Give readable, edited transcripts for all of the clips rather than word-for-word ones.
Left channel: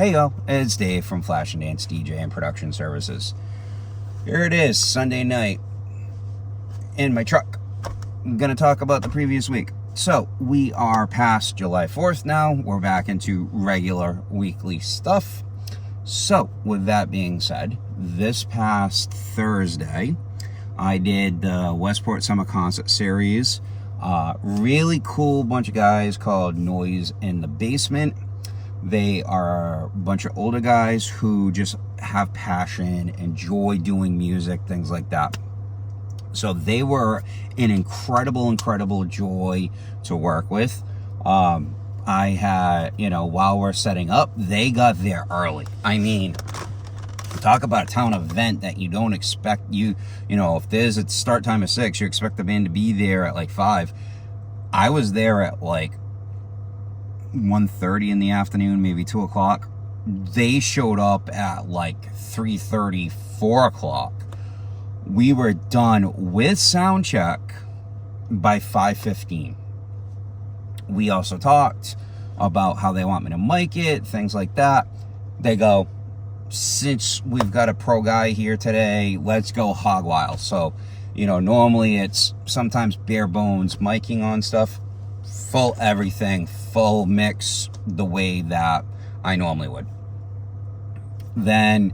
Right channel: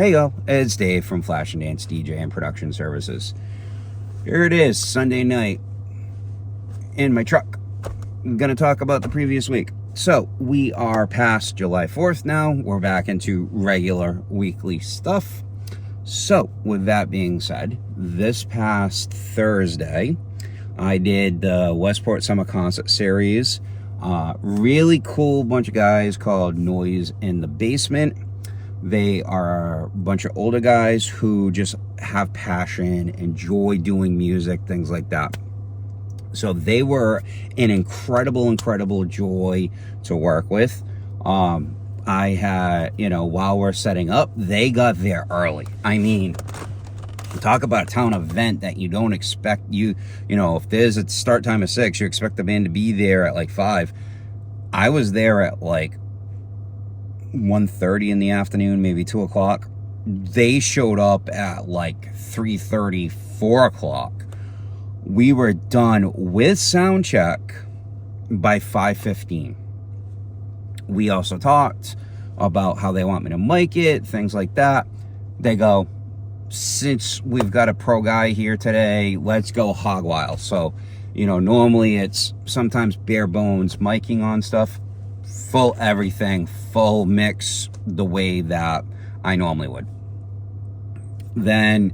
Hey y'all, it's Dave from Flash and Dance DJ and Production Services. Here it is, Sunday night, in my truck. I'm gonna talk about the previous week. So, we are past July 4th now. We're back into regular weekly stuff. So, with that being said, this past Thursday, I did the Westport Summer Concert Series. Really cool bunch of guys called Noise in the Basement. They are a bunch of older guys who just have passion, enjoy doing music, things like that. So they were an incredible joy to work with. I had, while we're setting up, they got there early. I mean, talk about a town event that you don't expect if there's a start time of 6, you expect the band to be there at like 5. I was there at like 1:30 in the afternoon, maybe 2 o'clock. They showed up at like 3:30, 4 o'clock. We were done with sound check by 5:15. We also talked about how they want me to mic it, things like that. They go, since we've got a pro guy here today, let's go hog wild. So, normally it's sometimes bare bones miking on stuff. Full everything, full mix, the way that I normally would. Then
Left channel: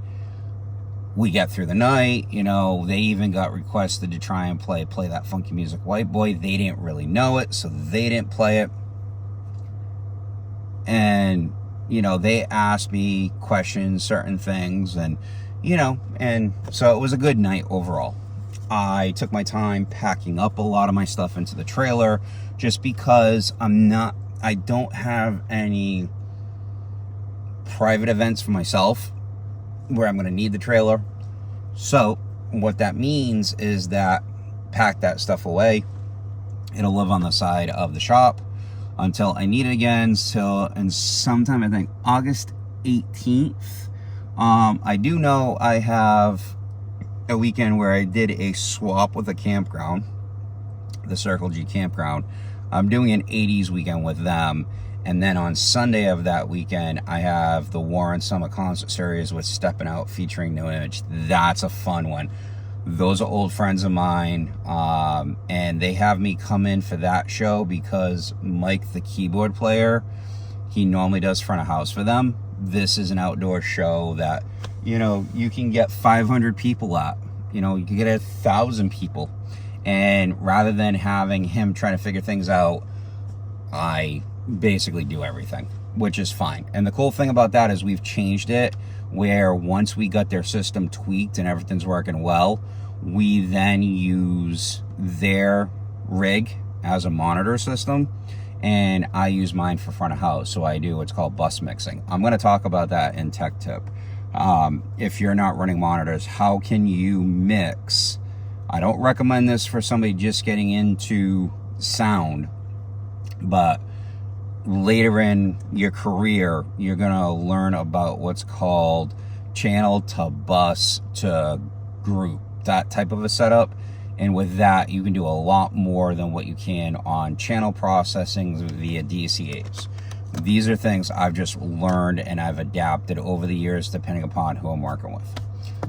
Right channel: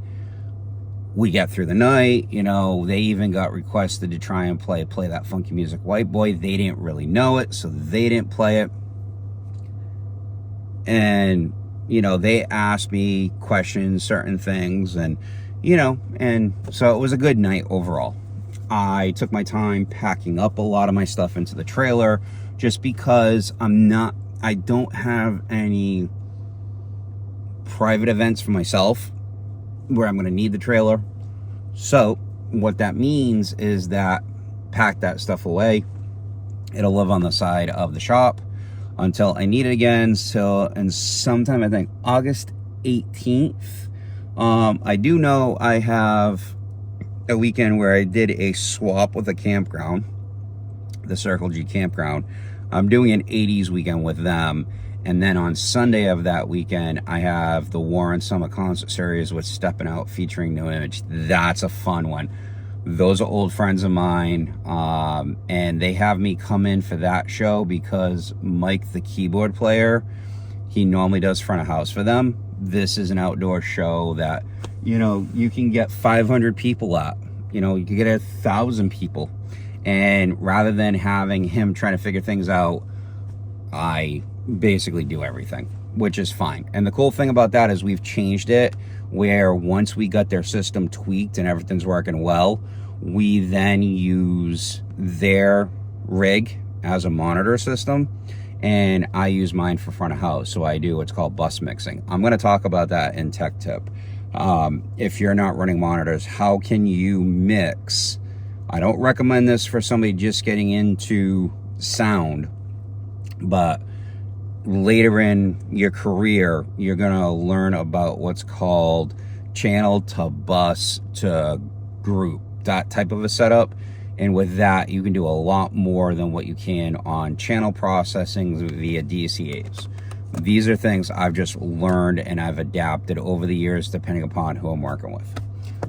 we get through the night, they even got requested to try and play that funky music White Boy. They didn't really know it, so they didn't play it. And, they asked me questions, certain things, and, and so it was a good night overall. I took my time packing up a lot of my stuff into the trailer, just because I don't have any private events for myself where I'm going to need the trailer. So what that means is that pack that stuff away. It'll live on the side of the shop until I need it again. And sometime, I think August 18th. I do know I have a weekend where I did a swap with a campground, the Circle G campground. I'm doing an 80s weekend with them. And then on Sunday of that weekend, I have the Warren Summer Concert Series with Steppin' Out featuring No Image. That's a fun one. Those are old friends of mine. And they have me come in for that show because Mike, the keyboard player, he normally does front of house for them. This is an outdoor show that, you can get 500 people at. You can get 1,000 people. And rather than having him trying to figure things out, I basically do everything, which is fine. And the cool thing about that is we've changed it where once we got their system tweaked and everything's working well, we then use their rig as a monitor system, and I use mine for front of house. So I do what's called bus mixing. I'm going to talk about that in Tech Tip. If you're not running monitors, how can you mix? I don't recommend this for somebody just getting into sound, but later in your career, you're going to learn about what's called channel to bus to group, that type of a setup. And with that, you can do a lot more than what you can on channel processing via DCAs. These are things I've just learned and I've adapted over the years depending upon who I'm working with.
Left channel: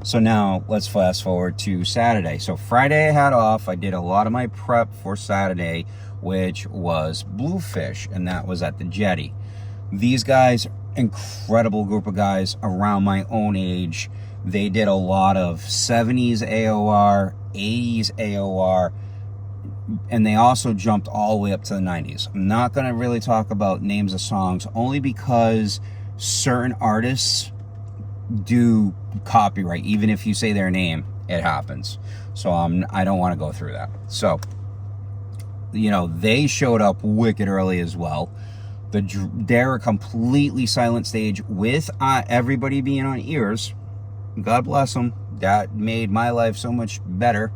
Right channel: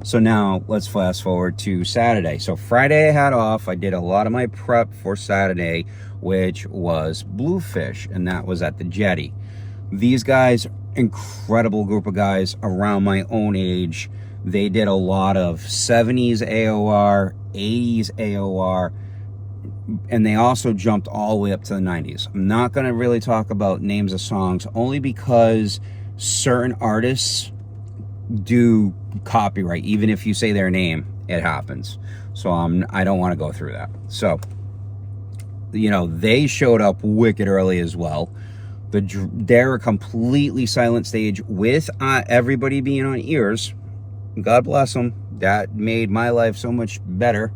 So now let's fast forward to Saturday. So Friday I had off. I did a lot of my prep for Saturday, which was BluFish, and that was at the Jetty. These guys, incredible group of guys around my own age. They did a lot of 70s AOR, 80s AOR, and they also jumped all the way up to the 90s. I'm not going to really talk about names of songs, only because certain artists do copyright. Even if you say their name, it happens. So I don't want to go through that. So, they showed up wicked early as well. They're a completely silent stage with everybody being on ears. God bless them. That made my life so much better.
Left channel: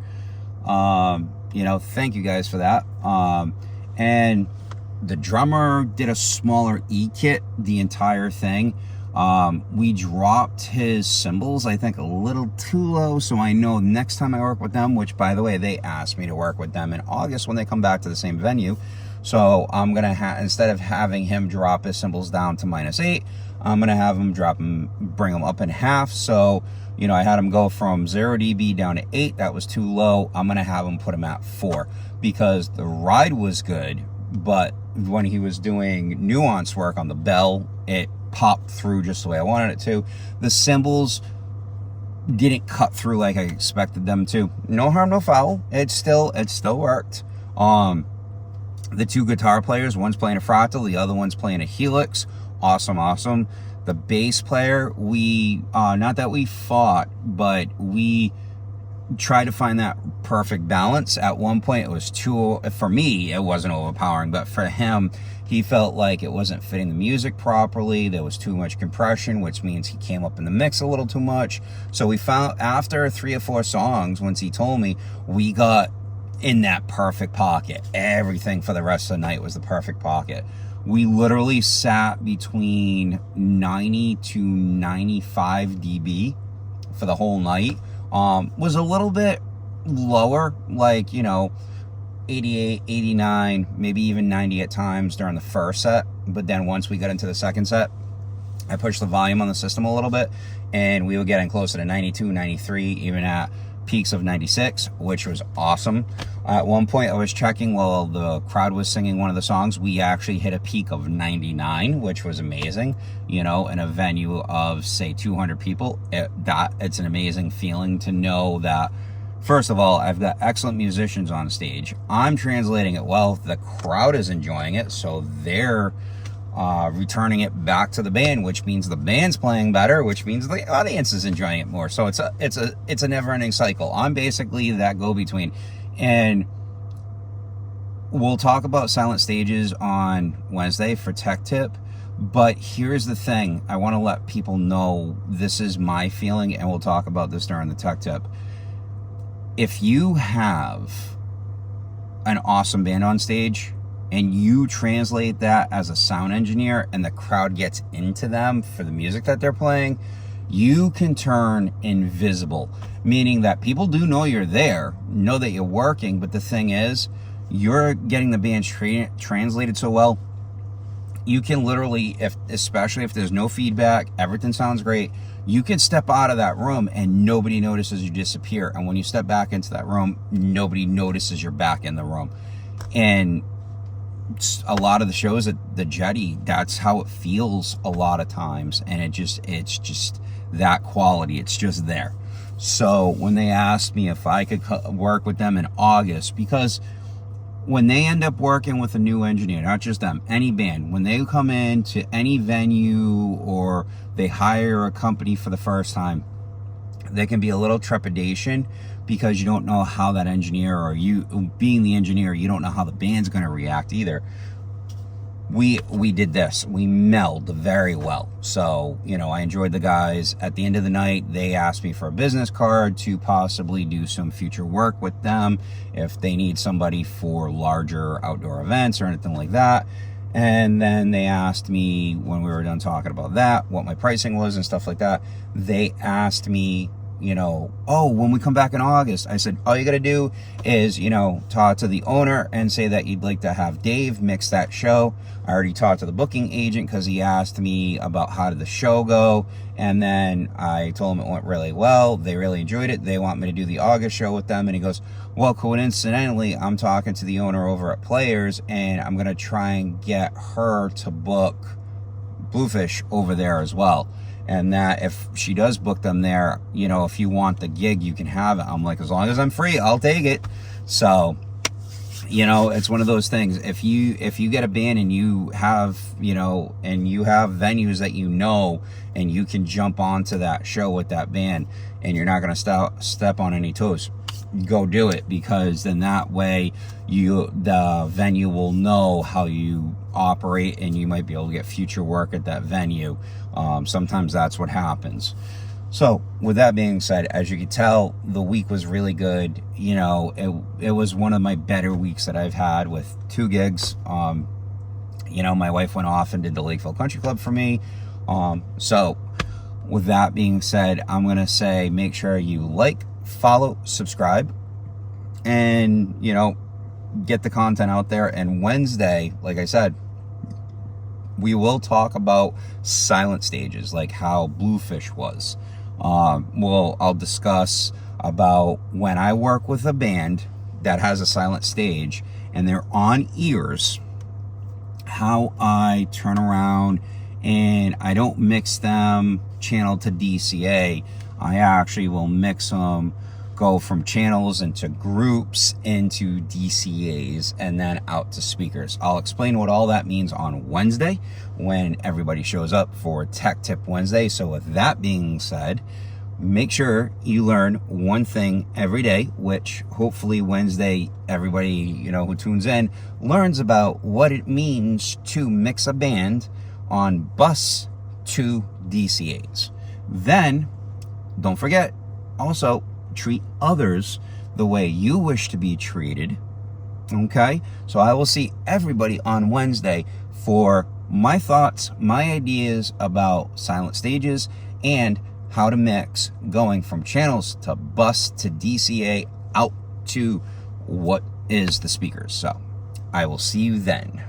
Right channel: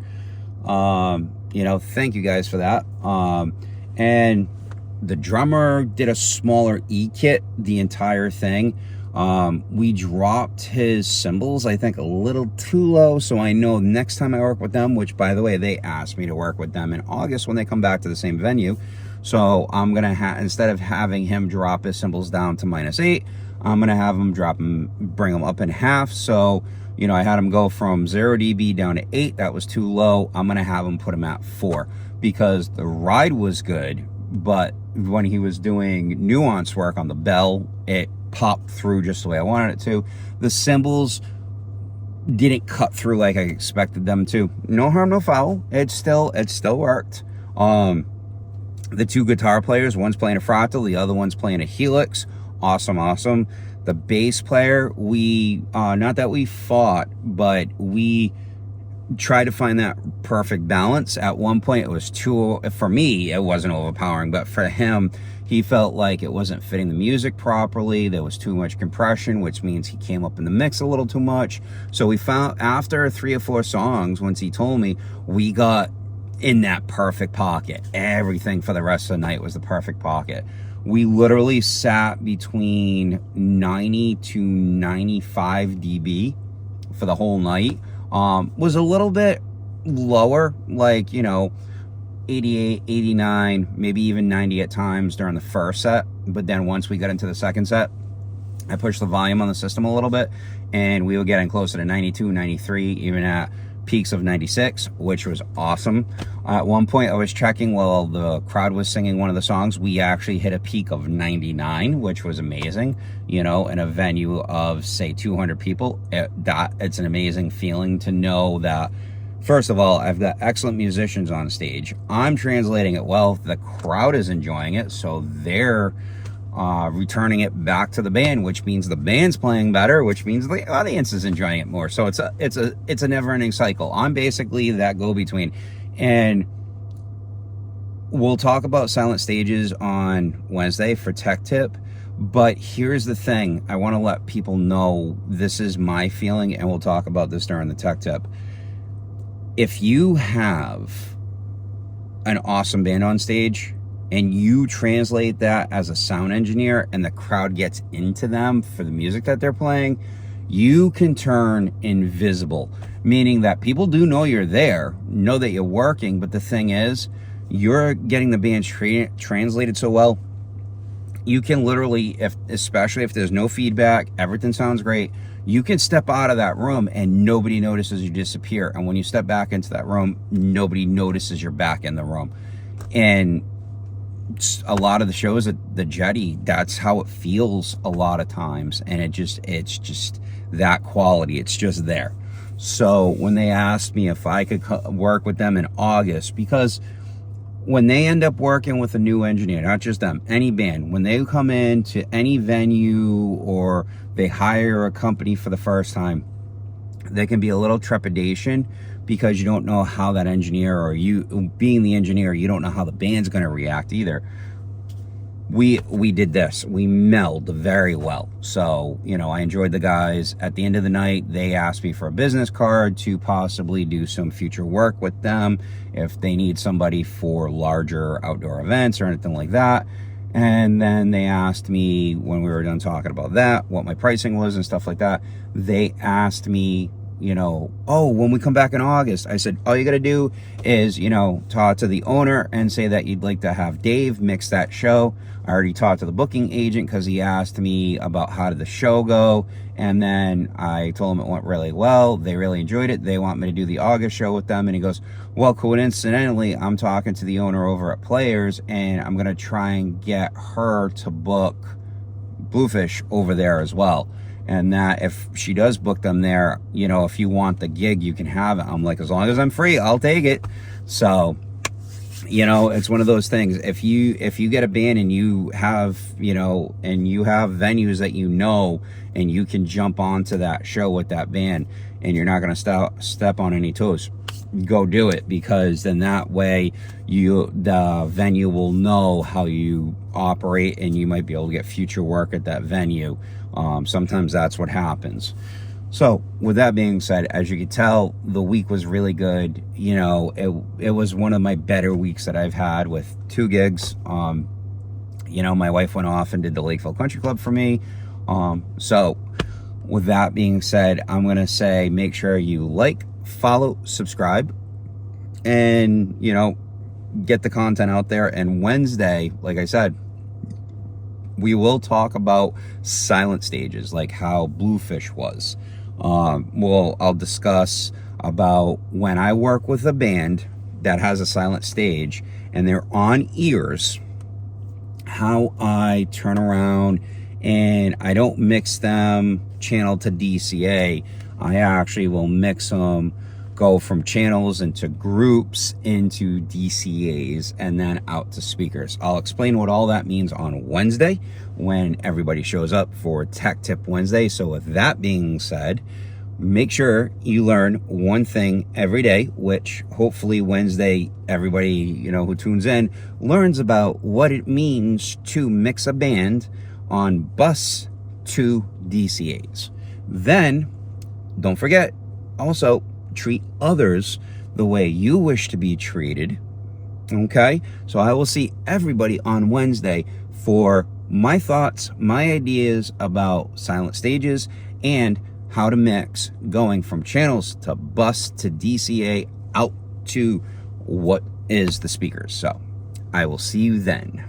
Thank you guys for that. And the drummer did a smaller E-kit the entire thing. We dropped his cymbals, I think, a little too low, so I know next time I work with them, which, by the way, they asked me to work with them in August when they come back to the same venue. So I'm going to instead of having him drop his cymbals down to -8, I'm gonna have them bring them up in half. So, you know, I had them go from 0 dB down to 8. That was too low. I'm gonna have them put them at 4 because the ride was good, but when he was doing nuance work on the bell, it popped through just the way I wanted it to. The cymbals didn't cut through like I expected them to. No harm, no foul. It still worked. The two guitar players, one's playing a fractal, the other one's playing a helix. Awesome. The bass player, we not that we fought, but we tried to find that perfect balance. At one point it was too, for me it wasn't overpowering, but for him, he felt like it wasn't fitting the music properly. There was too much compression, which means he came up in the mix a little too much. So we found, after 3 or 4 songs, once he told me, we got in that perfect pocket. Everything for the rest of the night was the perfect pocket. We literally sat between 90 to 95 dB for the whole night. Was a little bit lower, like, you know, 88, 89, maybe even 90 at times during the first set. But then once we got into the second set, I pushed the volume on the system a little bit, and we were getting closer to 92, 93, even at peaks of 96, which was awesome. At one point I was checking while the crowd was singing one of the songs, we actually hit a peak of 99, which was amazing. You know, in a venue of say 200 people, it's an amazing feeling to know that, first of all, I've got excellent musicians on stage. I'm translating it well. The crowd is enjoying it, so they're returning it back to the band, which means the band's playing better, which means the audience is enjoying it more. So it's a never-ending cycle. I'm basically that go-between. And we'll talk about silent stages on Wednesday for Tech Tip, but here's the thing. I want to let people know this is my feeling, and we'll talk about this during the Tech Tip. If you have an awesome band on stage and you translate that as a sound engineer and the crowd gets into them for the music that they're playing, you can turn invisible, meaning that people do know you're there, know that you're working, but the thing is, you're getting the band translated so well, you can literally, especially if there's no feedback, everything sounds great, you can step out of that room and nobody notices you disappear. And when you step back into that room, nobody notices you're back in the room. And a lot of the shows at the Jetty, that's how it feels a lot of times. And it's just that quality. It's just there. So when they asked me if I could work with them in August, because when they end up working with a new engineer, not just them, any band, when they come in to any venue or they hire a company for the first time, there can be a little trepidation because you don't know how that engineer, or you being the engineer, you don't know how the band's going to react either. We did this. We melded very well. So, you know, I enjoyed the guys. At the end of the night, they asked me for a business card to possibly do some future work with them if they need somebody for larger outdoor events or anything like that. And then they asked me, when we were done talking about that, what my pricing was and stuff like that. They asked me, you know, oh, when we come back in August, I said, all you got to do is, you know, talk to the owner and say that you'd like to have Dave mix that show. I already talked to the booking agent because he asked me about how did the show go. And then I told him it went really well. They really enjoyed it. They want me to do the August show with them. And he goes, well, coincidentally, I'm talking to the owner over at Players, and I'm going to try and get her to book BluFish over there as well. And that if she does book them there, you know, if you want the gig, you can have it. I'm like, as long as I'm free, I'll take it. So, you know, it's one of those things. If you get a band and you have, you know, and you have venues that you know, and you can jump onto that show with that band, and you're not going to step on any toes, go do it, because then that way the venue will know how you operate, and you might be able to get future work at that venue. Sometimes that's what happens. So with that being said, as you can tell, the week was really good. You know, it was one of my better weeks that I've had with 2 gigs. You know, my wife went off and did the Lakeville Country Club for me. So with that being said, I'm going to say, make sure you like, follow, subscribe, and, you know, get the content out there. And Wednesday, like I said, We will talk about silent stages, like how BluFish was. I'll discuss about when I work with a band that has a silent stage and they're on ears, how I turn around and I don't mix them channel to DCA. I actually will mix them, go from channels into groups into DCAs and then out to speakers. I'll explain what all that means on Wednesday when everybody shows up for Tech Tip Wednesday. So with that being said, make sure you learn one thing every day, which hopefully Wednesday, everybody, who tunes in learns about what it means to mix a band on bus to DCAs. Then, don't forget, also treat others the way you wish to be treated. Okay? So I will see everybody on Wednesday for my thoughts, my ideas about silent stages, and how to mix going from channels to bus to DCA out to what is the speakers. So I will see you then.